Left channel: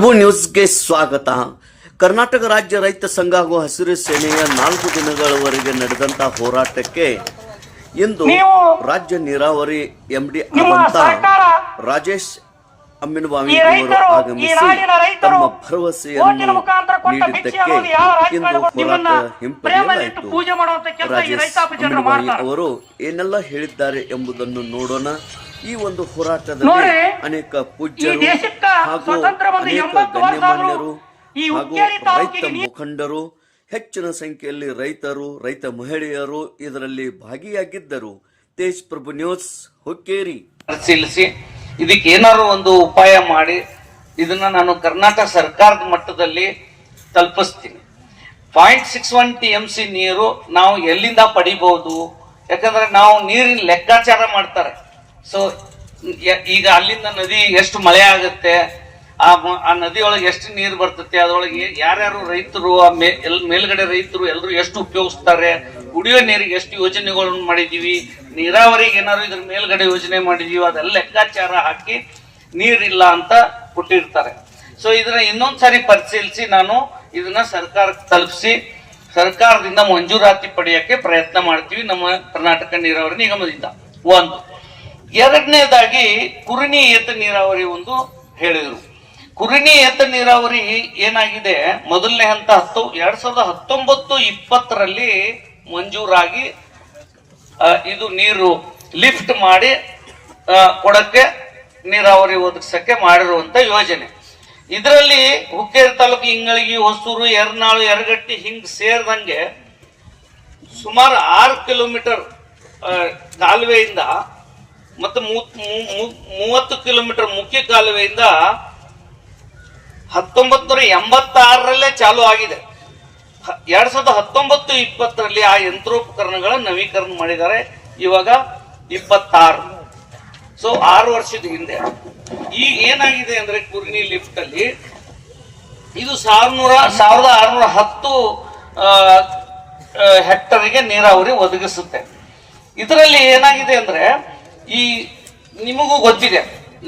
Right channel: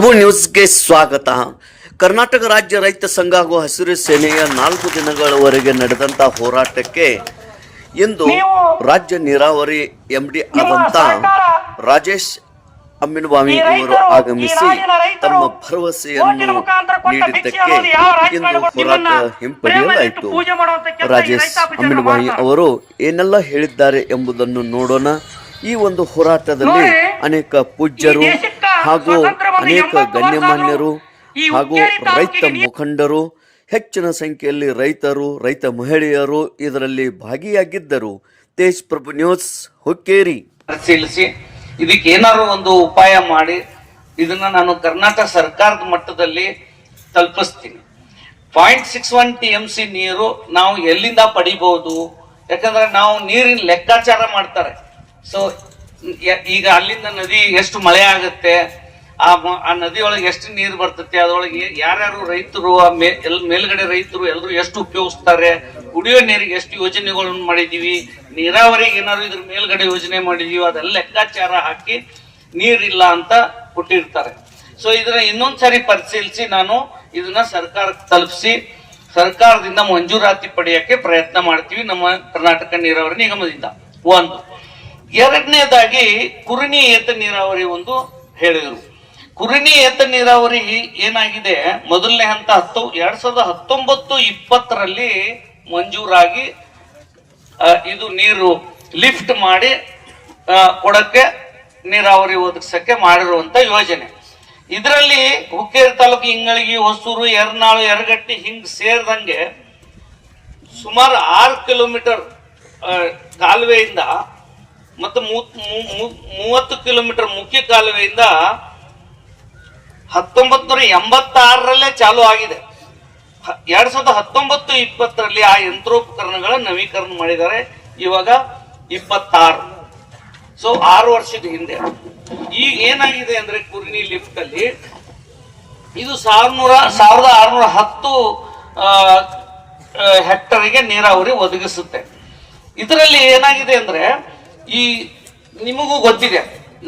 ಪ್ರಭು ನ್ಯೂಸ್ಗೆ ಸ್ವಾಗತ. ಕರ್ನಾಟಕ ರಾಜ್ಯ ರೈತ ಸಂಘ ಹಾಗೂ ಹಸಿರು ಸೇನೆಯ 4 ದಿನಗಳವರೆಗೆ ನಡೆದಂಥ ಹೋರಾಟಕ್ಕೆ ಇಂದು ರಾಜ್ಯ ನೀರಾವರಿ ಎಂಡಿ ಆದಂಥ ರಾಜೇಶ್ ಅಮ್ಮಿನಬಾವಿ ಅವರು ಆಗಮಿಸಿ ತಮ್ಮ ಭರವಸೆಯನ್ನು ನೀಡಿದ್ದಕ್ಕೆ ಇಂದು ಹೋರಾಟ ಹಿಂಪಡೆಯಲಾಯಿತು. ರಾಜೇಶ್ ಅಮ್ಮಿನಬಾವಿ ಅವರು ಏನೆಲ್ಲ ಹೇಳಿದ್ದಾರೆ ಎಂಬುದನ್ನು ನೋಡೋಣ. ಈ ಒಂದು ಹೋರಾಟದಲ್ಲಿ ಅನೇಕ ಪೂಜ್ಯರು ಹಾಗೂ ಅನೇಕ ಗಣ್ಯಮಾನ್ಯರು ಹಾಗೂ ರೈತ ಮುಖಂಡರು, ಹೆಚ್ಚಿನ ಸಂಖ್ಯೆಯಲ್ಲಿ ರೈತರು, ರೈತ ಮಹಿಳೆಯರು ಇದರಲ್ಲಿ ಭಾಗಿಯಾಗಿದ್ದರು. ತೇಜ್ ಪ್ರಭು ನ್ಯೂಸ್, ಹುಕ್ಕೇರಿ. ಪರಿಶೀಲಿಸಿ ಇದಕ್ಕೆ ಏನಾದ್ರು ಒಂದು ಉಪಾಯ ಮಾಡಿ ಇದನ್ನ ನಾನು ಕರ್ನಾಟಕ ಸರ್ಕಾರದ ಮಟ್ಟದಲ್ಲಿ ತಲುಪಿಸ್ತೀನಿ. 0.61 TMC ನೀರು ನಾವು ಎಲ್ಲಿಂದ ಪಡಿಬಹುದು? ಯಾಕಂದ್ರೆ ನಾವು ನೀರಿನ ಲೆಕ್ಕಾಚಾರ ಮಾಡ್ತಾರೆ. ಸೊ ಈಗ ಅಲ್ಲಿಂದ ನದಿ ಎಷ್ಟು ಮಳೆ ಆಗುತ್ತೆ, ಆ ನದಿಯೊಳಗೆ ಎಷ್ಟು ನೀರು ಬರ್ತದೆ, ಅದ್ರೊಳಗೆ ಯಾರ್ಯಾರು ರೈತರು, ಮೇಲ್ಗಡೆ ರೈತರು ಎಲ್ಲರೂ ಎಷ್ಟು ಉಪಯೋಗಿಸ್ತಾರೆ, ಕುಡಿಯೋ ನೀರಿಗೆ ಎಷ್ಟು ಯೋಜನೆಗಳನ್ನು ಮಾಡಿದೀವಿ, ನೀರಾವರಿಗೆ ಏನಾದ್ರು ಇದ್ರ ಮೇಲ್ಗಡೆ ಯೋಜನೆ ಮಾಡಿದೀವಿ, ಅದೆಲ್ಲ ಲೆಕ್ಕಾಚಾರ ಹಾಕಿ ನೀರಿಲ್ಲ ಅಂತ ಕೊಟ್ಟಿರ್ತಾರೆ. ಸೊ ಇದನ್ನ ಇನ್ನೊಂದ್ಸರಿ ಪರಿಶೀಲಿಸಿ ನಾನು ಇದನ್ನ ಸರ್ಕಾರಕ್ಕೆ ತಲುಪಿಸಿ ಸರ್ಕಾರದಿಂದ ಮಂಜೂರಾತಿ ಪಡೆಯಕ್ಕೆ ಪ್ರಯತ್ನ ಮಾಡ್ತೀವಿ ನಮ್ಮ ಕರ್ನಾಟಕ ನೀರಾವರಿ ನಿಗಮದಿಂದ. ಒಂದು. ಎರಡನೇದಾಗಿ ಕುರಿಣಿ ಏತ ನೀರಾವರಿ ಒಂದು ಹೇಳಿದ್ರು. ಕುರಿಣಿ ಏತ ನೀರಾವರಿ ಏನಾಗಿದೆ, ಮೊದಲನೇ ಹಂತ 2019-20 ಮಂಜೂರಾಗಿ ಇದು ನೀರು ಲಿಫ್ಟ್ ಮಾಡಿ ಕೊಡಕ್ಕೆ ನೀರಾವರಿ ಒದಗಿಸಕ್ಕೆ ಮಾಡಿರುವಂತ ಯೋಜನೆ. ಇದರಲ್ಲಿ ಹುಕ್ಕೇರಿ ತಾಲೂಕು ಇಂಗಳಗಿ, ಹೊಸೂರು, ಯರ್ನಾಳು, ಯರಗಟ್ಟಿ ಹಿಂಗ್ ಸೇರಿದಂಗೆ ಸುಮಾರು 6 ಕಿಲೋಮೀಟರ್ ಕಾಲುವೆಯಿಂದ ಮತ್ತು 30 ಕಿಲೋಮೀಟರ್ ಮುಖ್ಯ ಕಾಲುವೆಯಿಂದ 1986 ಚಾಲು ಆಗಿದೆ. 2019-20 ಆ ಯಂತ್ರೋಪಕರಣಗಳ ನವೀಕರಣ ಮಾಡಿದ್ದಾರೆ. ಇವಾಗ 26, ಸೊ 6 ವರ್ಷದ ಹಿಂದೆ. ಈಗ ಏನಾಗಿದೆ ಅಂದ್ರೆ ಕುರ್ನಿ ಲಿಫ್ಟ್ ಅಲ್ಲಿ ಇದು 1610 ಹೆಕ್ಟರ್ಗೆ ನೀರಾವರಿ ಒದಗಿಸುತ್ತೆ. ಇದರಲ್ಲಿ ಏನಾಗಿದೆ ಅಂದ್ರೆ, ಈ ನಿಮಗೂ ಗೊತ್ತಿದೆ,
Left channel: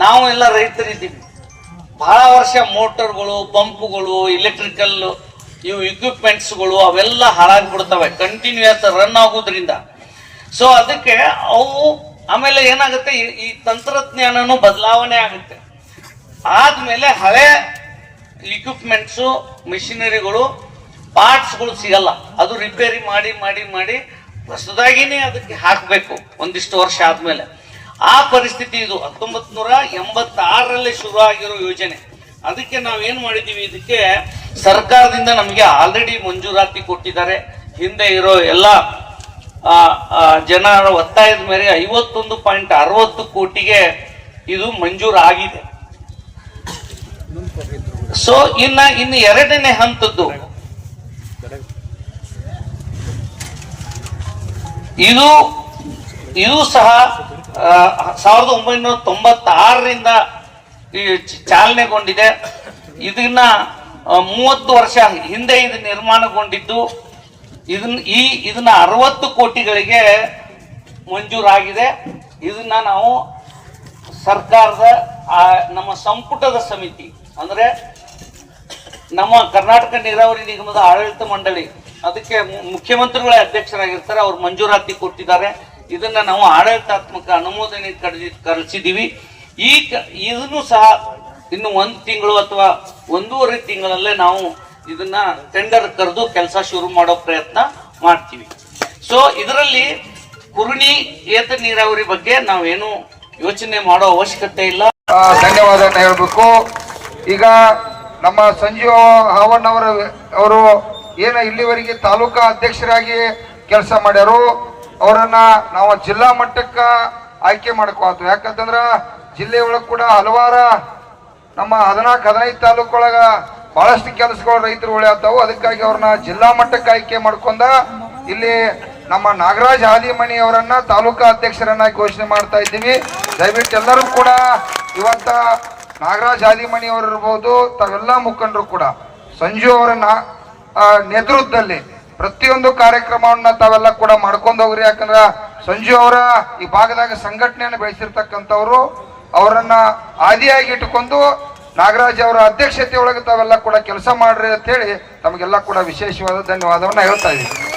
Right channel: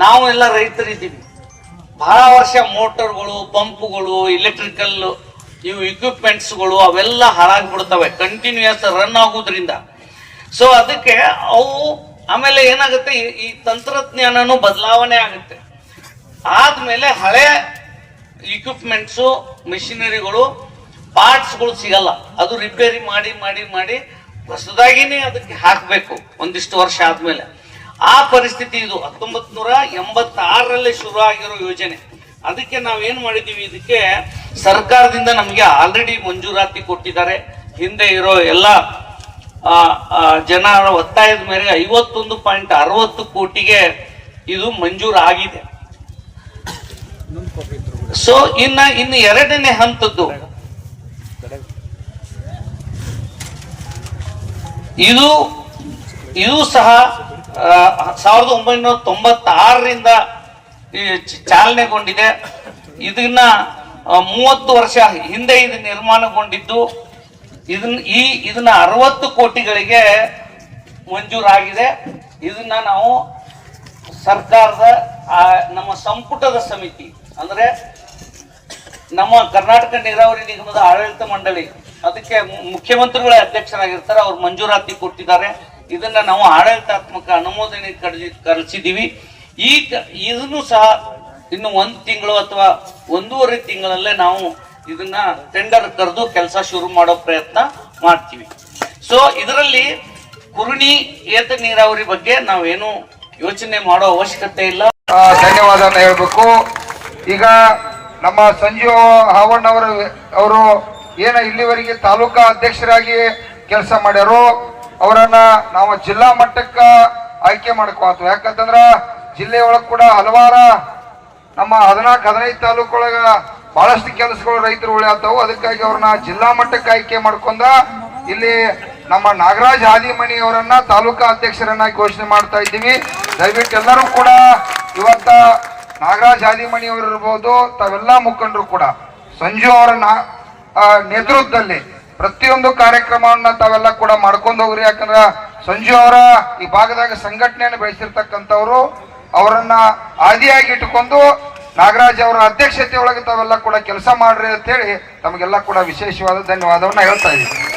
ನಾವು ಎಲ್ಲ ರೈತರಿದ್ದೀವಿ, ಬಹಳ ವರ್ಷ ಮೋಟರ್ಗಳು, ಪಂಪ್ಗಳು, ಇಲೆಕ್ಟ್ರಿಕಲ್ ಇವು ಇಕ್ವಿಪ್ಮೆಂಟ್ಸ್ಗಳು ಅವೆಲ್ಲ ಹಾಳಾಗ್ಬಿಡ್ತವೆ ಕಂಟಿನ್ಯೂಸ್ ರನ್ ಆಗೋದ್ರಿಂದ. ಸೊ ಅದಕ್ಕೆ ಅವು ಆಮೇಲೆ ಏನಾಗುತ್ತೆ, ಈ ತಂತ್ರಜ್ಞಾನನು ಬದಲಾವಣೆ ಆಗುತ್ತೆ. ಆದ್ಮೇಲೆ ಹಳೆ ಇಕ್ವಿಪ್ಮೆಂಟ್ಸು, ಮಿಷಿನರಿಗಳು, ಪಾರ್ಟ್ಸ್ಗಳು ಸಿಗಲ್ಲ. ಅದು ರಿಪೇರಿ ಮಾಡಿ ಮಾಡಿ ಮಾಡಿ ಹೊಸದಾಗಿನೇ ಅದಕ್ಕೆ ಹಾಕಬೇಕು ಒಂದಿಷ್ಟು ವರ್ಷ ಆದ್ಮೇಲೆ. ಆ ಪರಿಸ್ಥಿತಿ ಇದು 1986 ಶುರು ಆಗಿರೋ ಯೋಜನೆ. ಅದಕ್ಕೆ ನಾವೇನ್ ಮಾಡಿದೀವಿ, ಇದಕ್ಕೆ ಸರ್ಕಾರದಿಂದ ನಮಗೆ ಆಲ್ರೆಡಿ ಮಂಜೂರಾತಿ ಕೊಟ್ಟಿದ್ದಾರೆ. ಹಿಂದೆ ಇರೋ ಎಲ್ಲ ಜನರ ಒತ್ತಾಯದ ಮೇಲೆ 51.60 ಕೋಟಿಗೆ ಇದು ಮಂಜೂರು ಆಗಿದೆ. ಸೊ ಇನ್ನು ಎರಡನೇ ಹಂತದ್ದು ಇದು ಸಹ 1996ರಿಂದ ಚಾಲನೆಗೊಂಡಿದೆ. ಇದನ್ನ 30 ವರ್ಷ ಹಿಂದೆ ಇದು ನಿರ್ಮಾಣಗೊಂಡಿದ್ದು. ಇದನ್ನ 60 ಕೋಟಿಗಳಿಗೆ ಮಂಜೂರಾಗಿದೆ. ಇದನ್ನ ನಾವು ಸರ್ಕಾರದ ನಮ್ಮ ಸಂಪುಟದ ಸಮಿತಿ, ಅಂದ್ರೆ ನಮ್ಮ ಕರ್ನಾಟಕ ನೀರಾವರಿ ನಿಗಮದ ಆಡಳಿತ ಮಂಡಳಿ, ಅದಕ್ಕೆ ಮುಖ್ಯಮಂತ್ರಿಗಳ ಅಧ್ಯಕ್ಷರಾಗಿರ್ತಾರೆ, ಅವ್ರು ಮಂಜೂರಾತಿ ಕೊಟ್ಟಿದ್ದಾರೆ. ಇದನ್ನ ನಾವು ಆಡಳಿತಾತ್ಮಕ ಅನುಮೋದನೆ ಕಳಿಸಿದೀವಿ. ಇದನ್ನು ಸಹ ಇನ್ನು 1 ತಿಂಗಳು ಅಥವಾ 1.5 ತಿಂಗಳಲ್ಲೇ ನಾವು ಇದನ್ನ ಟೆಂಡರ್ ಕರೆದು ಕೆಲಸ ಶುರು ಮಾಡೋ ಪ್ರಯತ್ನ ಮಾಡ್ತೀವಿ. ಸೊ ಇದರಲ್ಲಿ ಕುರುಣಿ ಏತ ನೀರಾವರಿ ಬಗ್ಗೆ ನಾವೇನು ಯೋಚನೆ ಮಾಡೋ ಅವಶ್ಯಕತೆ ಇಲ್ಲ. ಧನ್ಯವಾದ ಹೇಳ್ಬೇಕು. ಈಗ ನಮ್ಮ ಸಂಜೀವ ಹಾವಣ್ಣ ಅವರು ಏನ ಇಲ್ಲಿವರೆಗೆ ತಾಲೂಕಾ ಅಧ್ಯಕ್ಷರಾಗಿ ಕೆಲಸ ಮಾಡ್ಯಾರೋ ಅವರನ್ನ ನಾವು ಜಿಲ್ಲಾ ಮಟ್ಟಕ್ಕ ಆಯ್ಕೆ ಮಾಡ್ಕೋತೀವಿ. ಯಾಕಂತಂದ್ರ ಜಿಲ್ಲೆಯೊಳಗೆ ಕೂಡ ಹಲವಾರ ನಮ್ಮ 14-15 ತಾಲೂಕೊಳಗ ಬಹಳಷ್ಟು ಕೆಲಸಗಳು ರೈತರು ಉಳಿಯತ್ತಾವು. ಅದಕ್ಕಾಗಿ ಅವ್ರನ್ನ ಜಿಲ್ಲಾ ಮಟ್ಟಕ್ಕೆ ಆಯ್ಕೆ ಮಾಡ್ಕೊಂಡ ಇಲ್ಲಿ ನಮ್ಮ ನಾಗರಾಜ್ ಹಾದಿಮನಿ ಅವರನ್ನ ತಾಲೂಕಾ ಅಧ್ಯಕ್ಷರನ್ನ ಘೋಷಣೆ ಮಾಡ್ತಾ ಇದ್ದೀವಿ. ದಯವಿಟ್ಟು ಎಲ್ಲರೂ ಕೂಡ ಇವತ್ತ ನಾಗರಾಜ್ ಹಾದಿಮನಿ ಅವರು ಇರ್ಬೋದು, ತಾವೆಲ್ಲಾ ಮುಖಂಡರು ಕೂಡ ಸಂಜು ಅವರ ನೇತೃತ್ವದಲ್ಲಿ ಪ್ರತಿಯೊಂದು ಕಾರ್ಯಕ್ರಮವನ್ನ ತಾವೆಲ್ಲ ಕೂಡ ಮಾಡ್ಕೊಂಡು ಹೋಗ್ರಿ. ಯಾಕಂದ್ರೆ ಸಂಜು ಅವರ ಈ ಭಾಗದಾಗ ಸಂಘಟನೆಯನ್ನು ಬೆಳೆಸಿರ್ತಕ್ಕಂಥವ್ರು, ಅವರನ್ನ ಆದಿಯಾಗಿ ಇಟ್ಟುಕೊಂಡು ನಾಗರಾಜ್ ಅವರ ಅಧ್ಯಕ್ಷತೆ ಒಳಗೆ ತಾವೆಲ್ಲ ಕೂಡ ಕೆಲಸ ಮಾಡ್ರಿ ಅಂತ ಹೇಳಿ ತಮಗೆಲ್ಲ ಕೂಡ ವಿಶೇಷವಾದ ಧನ್ಯವಾದವನ್ನ ಹೇಳ್ತಾ ಇದ್ದೀವಿ.